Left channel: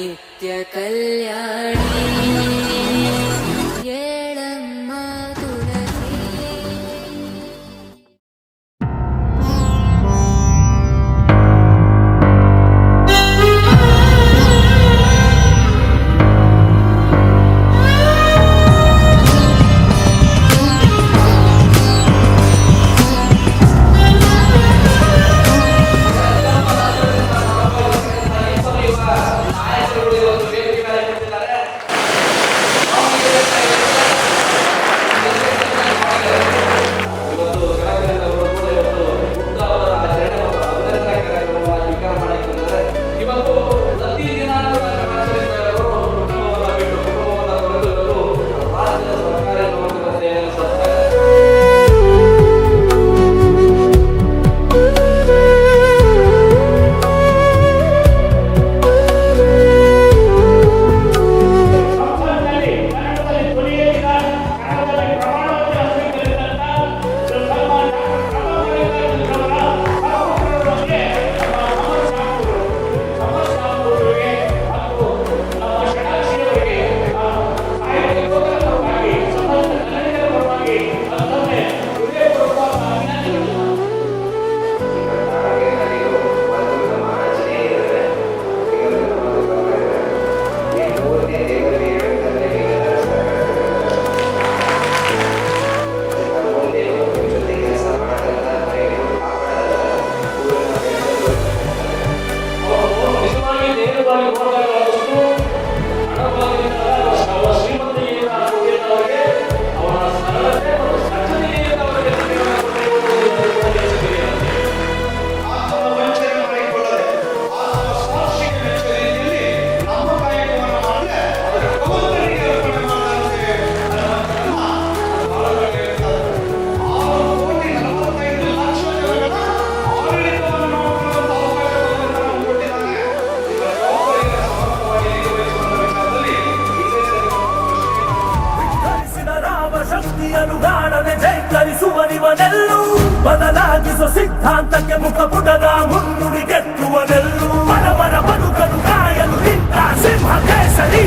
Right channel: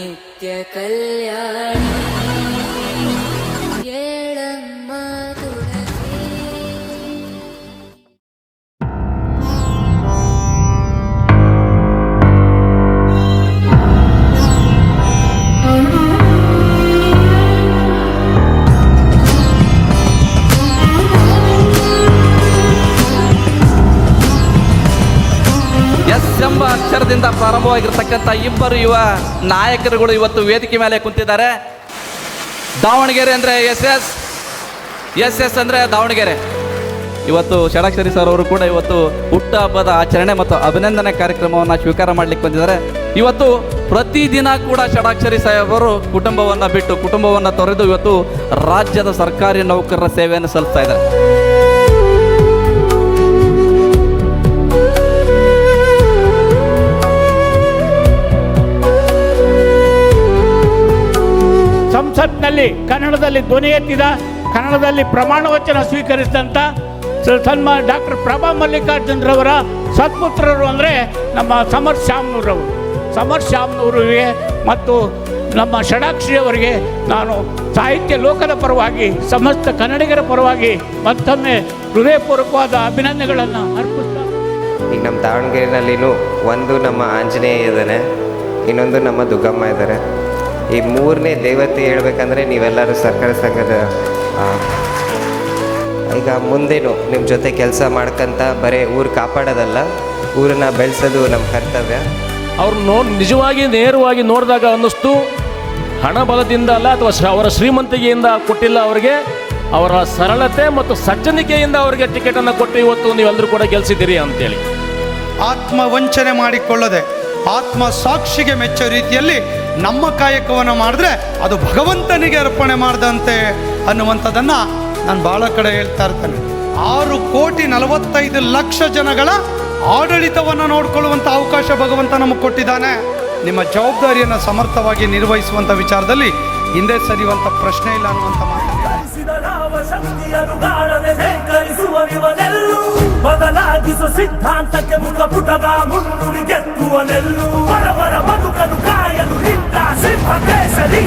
ನಿತ್ಯ ಕಲ್ಯಾಣಿ ಏಳಮ್ಮ ತುಳಸಿ. ಪ್ರಾರಂಭವಾಗಿರ್ತಕ್ಕಂಥ ಇಬ್ಬರು ಯುವ ನಾಯಕರುಗಳು ಇವತ್ತು ವೇದಿಕೆ ಮೇಲೆ ಕುಂತಿದ್ದಾರೆ. ದಾವಣಗೆರೆ ಅಂದರೆ ಎಸ್ ಅಂದರೆ ದಾವಣಗೆರೆ. ಇವತ್ತು ಷಡಾಕ್ಷರಿ ಸರ್ ಅವರು ಕೂಡ ಇವತ್ತು ಹುಟ್ಟು ಹಬ್ಬದ ಆಚರಣೆ ಮತ್ತು ಅಭಿನಂದನೆ ಕಾರ್ಯಕ್ರಮವನ್ನು ಸ್ವೀಕಾರ ಮಾಡಲಿಕ್ಕೆ ಬಂದಿದ್ದಾರೆ. ಇವತ್ತು ಪ್ರತಿದಿನ ಕೂಡ ಷಡಾಕ್ಷರಿ ಸಾಹೇಬರು ಕುಟುಂಬವನ್ನು ಬಿಟ್ಟು ಕುಟುಂಬವನ್ನು ತೊರೆದು ಇವತ್ತು ರಾಜ್ಯದ ಸರ್ಕಾರಿ ನೌಕರರ ಸೇವೆಯನ್ನು ಸಲ್ಲಿಸ್ತಾ ಇದ್ದಾರೆ. ಕನ್ನಡದಲ್ಲಿ ಧ್ವನಿ ಎತ್ತಿದ, ಕನ್ನಡದಲ್ಲಿ ಪ್ರಮಾಣ ವಚನ ಸ್ವೀಕರಿಸಿದಂಥ ಸನ್ಮಾನ್ಯ ಡಾಕ್ಟರ್ ಪ್ರಭಾ ಮಲ್ಲಿಕಾರ್ಜುನರವರ ಸತ್ಪುತ್ರರು ಅಂದರೆ ನಮ್ಮ ಸಮರ್ ಶ್ಯಾಮ್ನೂರಿಗೆ ಮತ್ತು ನಮ್ಮ ಷಡಾಕ್ಷರಿಯವರಿಗೆ ನಾನು ಸಾಹಿತ್ಯ ಲೋಕದ ಪರವಾಗಿ ಸಮಸ್ತ ಕನ್ನಡಿಗರ ಪರವಾಗಿ ಮತ್ತೊಮ್ಮೆ ಹೃದಯಪೂರ್ವಕವಾದ ಅಭಿನಂದನೆಗಳನ್ನು ಈಗ ನಮ್ಮ ದಾವಣಗೆರೆನಲ್ಲಿನೂ ಒಂದು ನಮ್ಮ ಆಂಜನೇಯ ಇದ್ದಾರೆ, ಇನ್ನೊಂದು ನಮ್ಮ ದುಗ್ಗಮ್ಮ ಇದ್ದಾರೆ. ಈ ಮೂರನೇ ದೇವತೆ ಹೇಳ್ಬೇಕಂದ್ರೆ ನೀವೆಲ್ಲರೂ ಸರ್ಕಾರ ಸಂಘದ ಈಗ ಮುಂದೇನು ನಿಮ್ಮ ಜೊತೆ ಕೆಲಸ ಮಾಡ್ಕೊಂತ ಬರೀ ಊರು ಕಾಪಾಡೋದಲ್ಲ, ಊರನ್ನ ಬೆಳೆಸೋದು ನಮ್ಮ ಕರ್ತವ್ಯ. ಅವ್ರು ನಿಜವಾಗಿ ನೇರವಾಗಿ ನೋಡಿದಾಗ ಅನ್ನಿಸ್ತು ಹಣ ಬಲದಿಂದ ಅಲ್ಲ ಅಥವಾ ಅವರ ಶ್ರೀಮಂತಿಕೆಯಿಂದ ಕೊಟ್ಟಿಲ್ಲ ಅವರಿಗೆ, ಅವರ ಸರಳತೆ ಮತ್ತು ಸಜ್ಜನಿಕೆಯಿಂದ ಅವರಿಗೆ ಟಿಕೆಟನ್ನು ಕೊಟ್ಟು ಇವತ್ತು ನೀವೆಲ್ಲರೂ ಕೂಡ ಗೆಲ್ಲಿಸಿದ್ದೀರಿ ಅಂತೇಳಿ. ಆತ್ಮವಂಚನೆ ಮಾಡಿಕೊಳ್ಳದೆ ಆತ್ಮ ಸಾಕ್ಷಿಗೆ ಮೆಚ್ಚೋ ರೀತಿಯಲ್ಲಿ ನಮ್ಮ ಕಾಯಕವನ್ನು ಮಾಡಿದ್ರೆ ಅದು ಭಗವಂತನಿಗೆ ಅರ್ಪಣೆ ಮಾಡಿದಂತೆ ಅನ್ನುವಂಥದ್ದನ್ನು ನಾನು ಭಾಳ ಕಡೆ ಹೇಳ್ತಾ ಇರ್ತೇನೆ. 6,45,00,000 ಜನಗಳ ಆಡಳಿತವನ್ನು ನೋಡಿಕೊಳ್ಳುವಂಥ ಅವಕಾಶ ಭಗವಂತ ನಮಗೆ ಕೊಟ್ಟಿದ್ದಾನೆ. ನಿಮ್ಮ ಜವಾಬ್ದಾರಿಯನ್ನು ಸಮರ್ಥವಾಗಿ ನಿರ್ವಹಿಸುವಂಥ ವಿಚಾರದಲ್ಲಿ ಹಿಂದೆ ಸರಿಯುವಂಥ ಪ್ರಶ್ನೆ ಇಲ್ಲ ಬದಲಾಗಿಸುವ ಸಿದ್ಧಾಂತಕ್ಕೆ ಮುಖಪುಟದ ಮುನ್ನುಡಿ ಗೆತ್ತುವನೆಲ್ಲೂ ಬಡವರ ಬದುಕಲು ಕಾಯಲು ನಿಂತ ಸಿಂಹ ಕೇಸರಿ.